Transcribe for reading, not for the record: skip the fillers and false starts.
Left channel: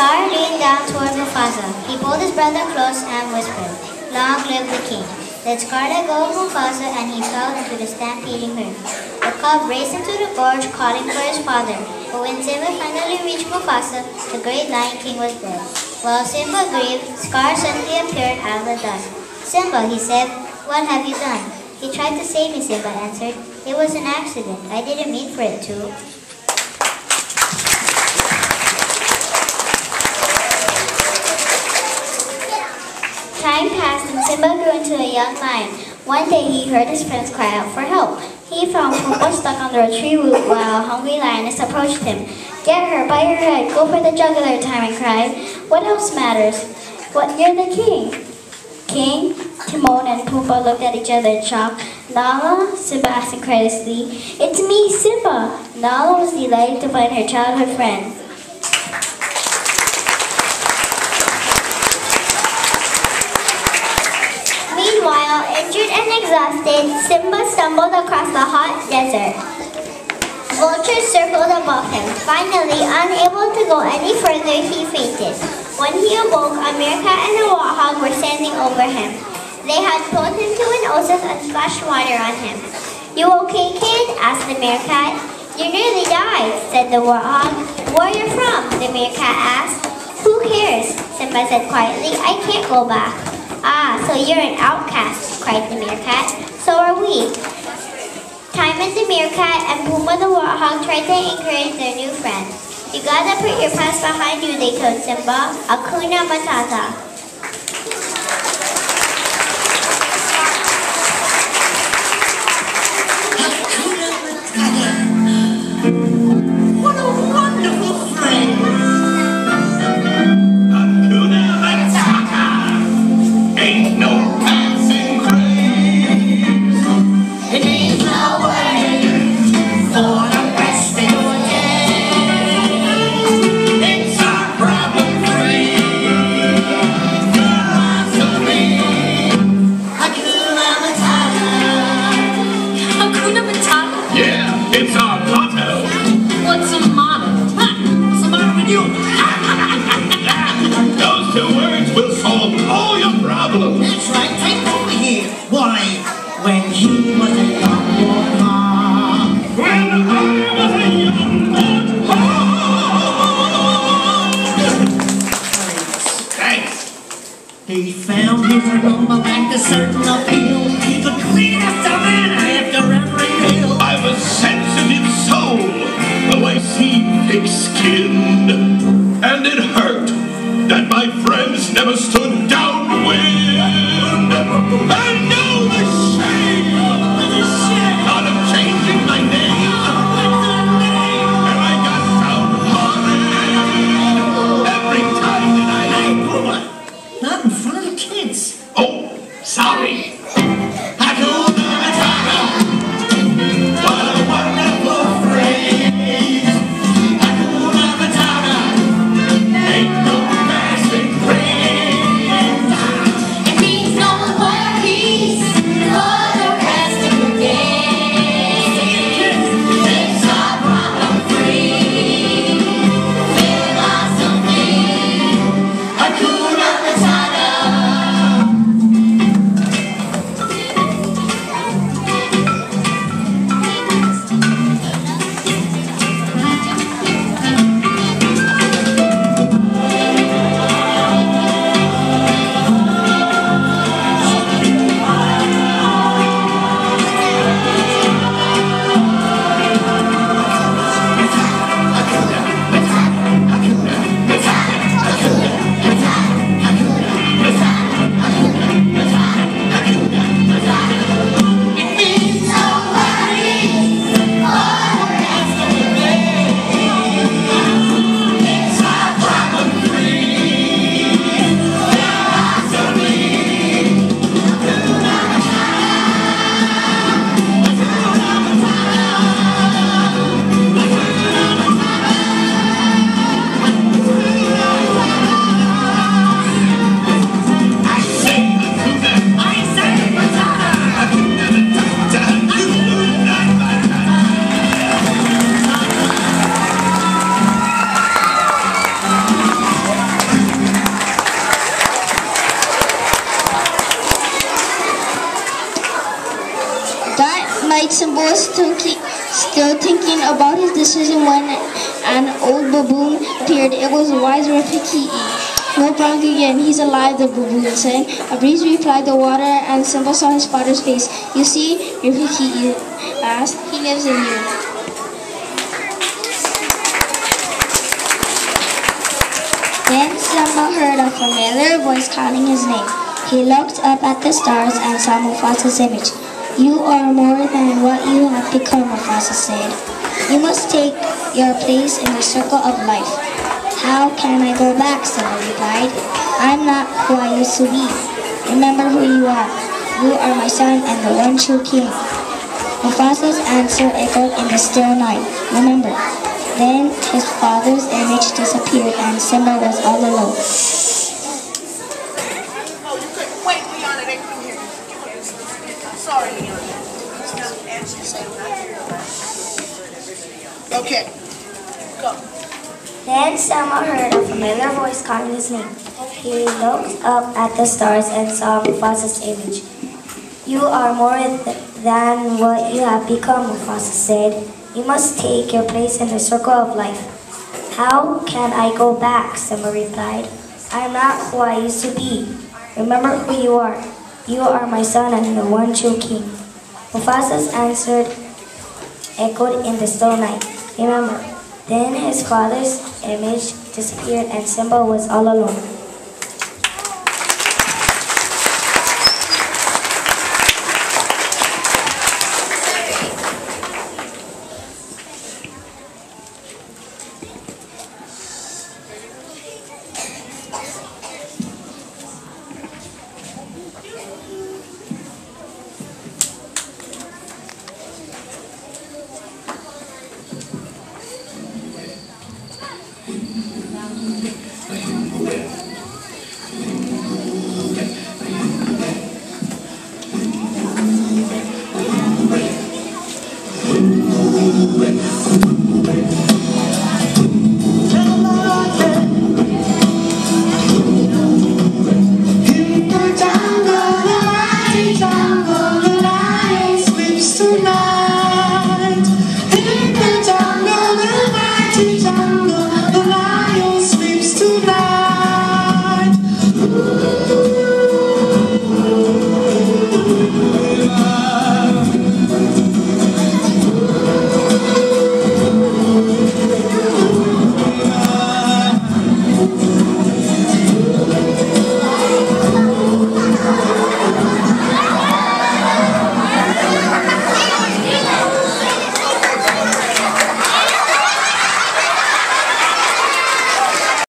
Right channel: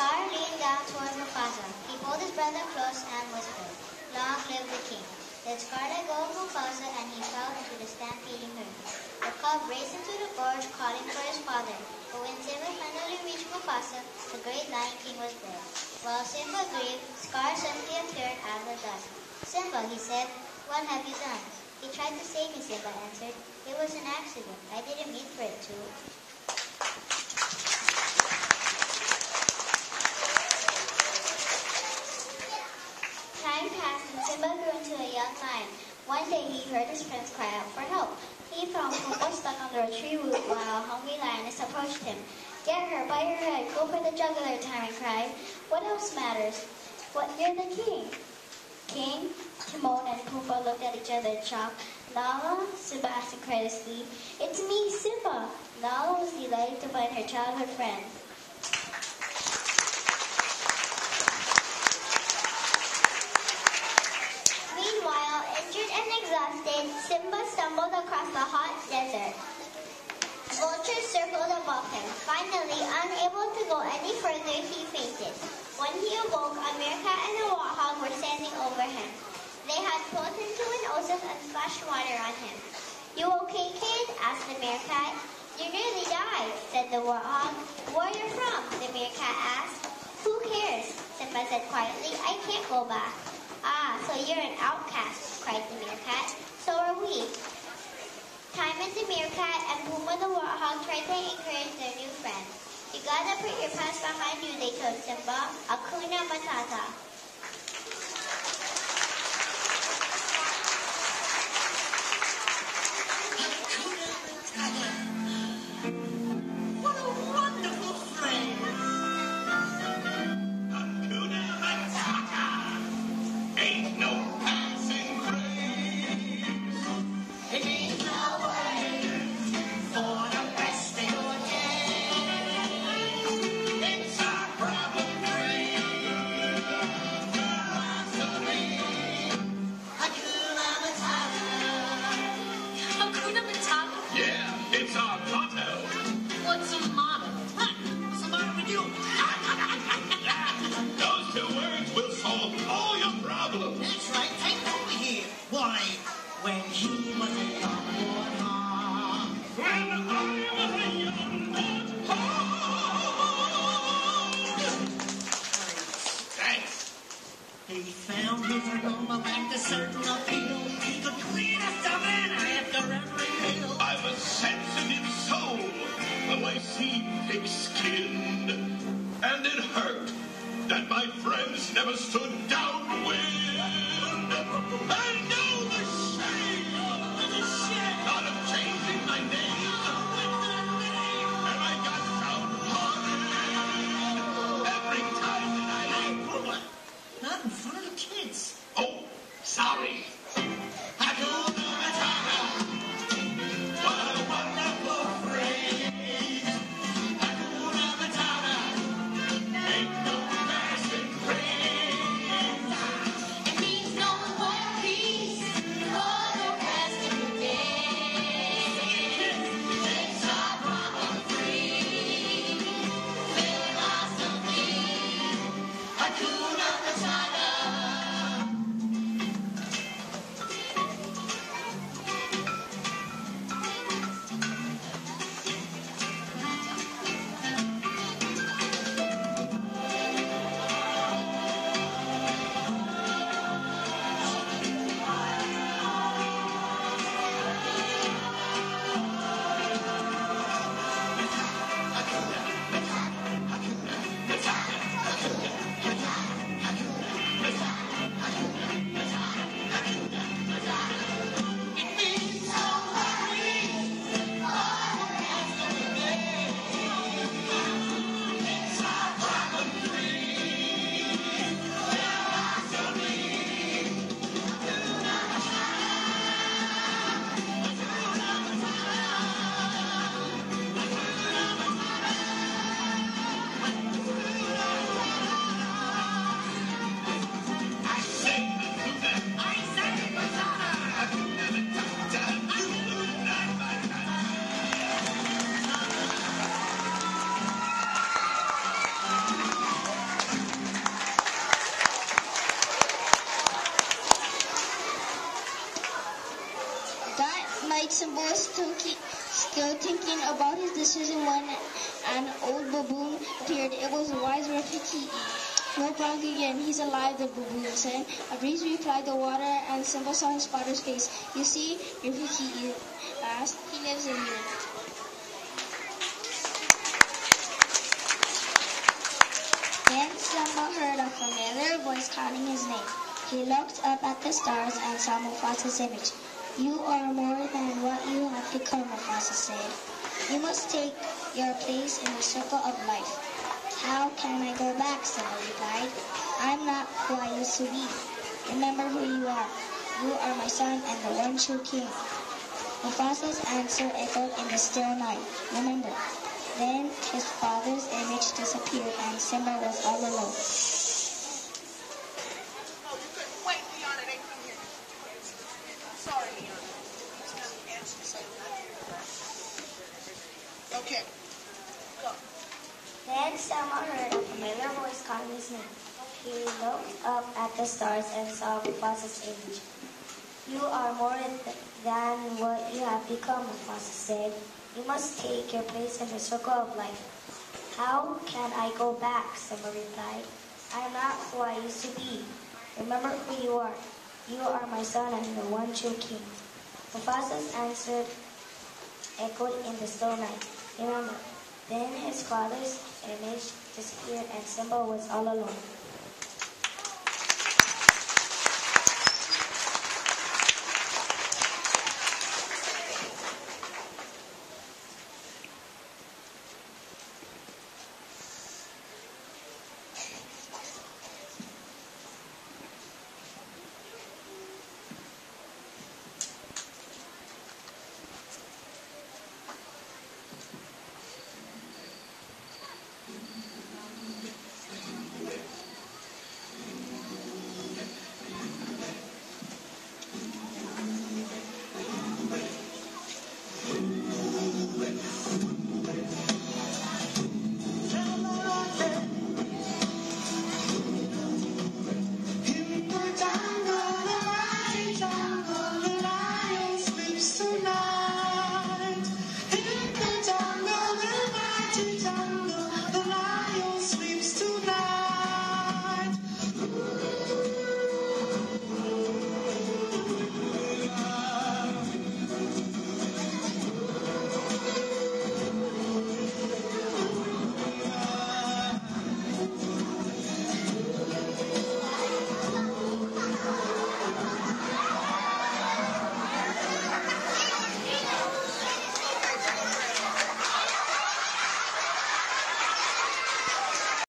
Scar leaned down toward Mufasa. He pulled his brother close and whispered, "Long live the king." Then Scar let go of Mufasa and he fell into the stampeding herd. The cub raced into the gorge calling for his father, but when Simba finally reached Mufasa, the great Lion King was dead. While Simba grieved, Scar suddenly appeared out of the dust. "Simba," he said, "what have you done?" "He tried to save me," Simba answered. "It was an accident. I didn't mean for it to." Time passed and Simba grew into a young lion. One day he heard his friends cry out for help. He found Pumbaa stuck under a tree root while a hungry lioness approached him. "Get her by her head, go for the jugular," Timon cried. "What else matters? What, you're the king." "King?" Timon and Pumbaa looked at each other in shock. "Nala?" Simba asked incredulously. "It's me, Simba." Nala was delighted to find her childhood friend. Meanwhile, injured and exhausted, Simba stumbled across the hot desert. Vultures circled above him. Finally, unable to go any further, he fainted. When he awoke, a meerkat and a warthog were standing over him. They had pulled him to an oasis and splashed water on him. "You okay, kid?" asked the meerkat. "You nearly died," said the warthog. "Where you from?" the meerkat asked. "Who cares?" Simba said quietly. "I can't go back." "Ah, so you're an outcast," cried the meerkat. "So are we." Timon the meerkat and Pumbaa the warthog tried to encourage their new friend. "You gotta put your past behind you," they told Simba. "Hakuna Matata." What a wonderful phrase! Hakuna Matata, ain't no passing craze. It ain't no way for the rest of your day. It's our problem-free philosophy. Hakuna Matata. Hakuna Matata? Yeah, it's our motto. What's a motto? Huh? What's the matter with you? Those two words will solve all your problems. That's right, take over here. Why, when he was a young warthog, When I was a young warthog. Thanks. he found his aroma like the certain appeal. The cleanest savannah after every meal. I've a sensitive soul, though I seem thick-skinned. And it hurt that my friends never stood downwind. I know the shame thought of changing my name. And I got downhearted every time that Not in front of the kids. Oh, sorry. Hakuna Matata. What a wonderful phrase. Hakuna Matata. still thinking about his decision when an old baboon appeared. It was wise Rafiki. No Bronco again, he's alive, the baboon said. A breeze replied the water, and Simba saw his father's face. You see, Rafiki asked, he lives in you. Then Simba heard a familiar voice calling his name. He looked up at the stars and saw Mufasa's image. You are more than what you have become, Mufasa said. You must take your place in the circle of life. How can I go back? Simba replied. I'm not who I used to be. Remember who you are. You are my son and the one true king. Mufasa's answer echoed in the still night. Remember. Then his father's image disappeared and Simba was all alone. Wait, Leona, they couldn't hear you. Sorry, Leona. Okay, go. Then Selma heard a familiar voice calling his name. He looked up at the stars and saw Mufasa's image. You are more than what you have become, Mufasa said. You must take your place in the circle of life. How can I go back? Simba replied. I am not who I used to be. Remember who you are. You are my son and the one true king. Mufasa's answer echoed in the still night. Remember. Then his father's image disappeared and Simba was all alone.